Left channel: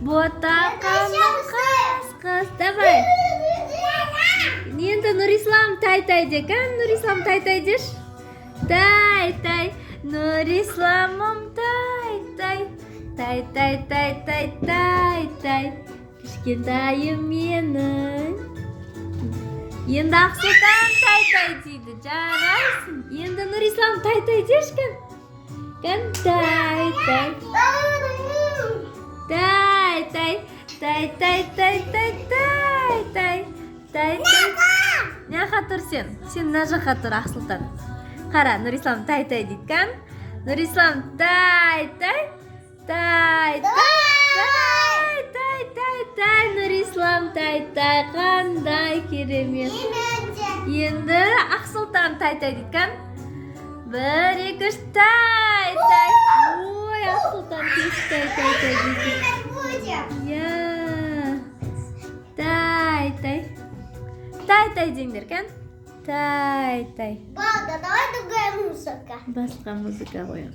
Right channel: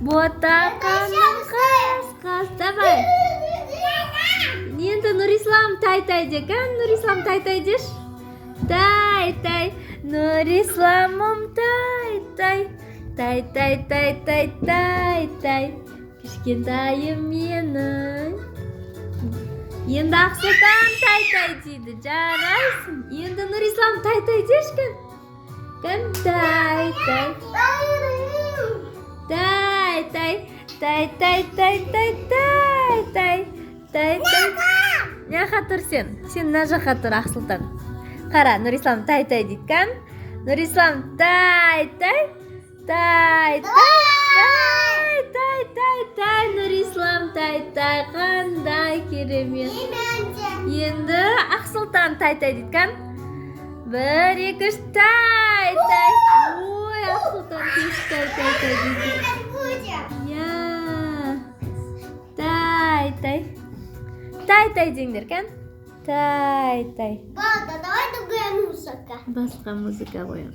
Ботақаным қас. Давай. Енді Нұрислам тай-тай де, кән? Нұрислам тай-тай деш. Тай-тай. Нұрисламым тай-тай. Тай-тай. Кішкентайым менің. Енді Ақсұлтан тай-тай дейді. Жарайсың. Енді Нұрислам тай-тай дешкін. Кән? Тай-тай. Тай-тай. Няқа тұр сен? Сен мына жаққа тұр, Ақсұлтан. Қара, Нұрислам тай-тай дейді, кән? Нұрислам тай-тай. Нұрислам тай-тай. Қандай керемет. Енді Ақсұлтан тай-тай дейді, кән? 1, 2, 3, тай-тай. Ой, Ақсұлтан тез тай-тай дейді. Я. Тай-тай. Тай-тай деңдер, кән? Тай-тай. Бада, давай другая музыка. Басқа музыка қоям.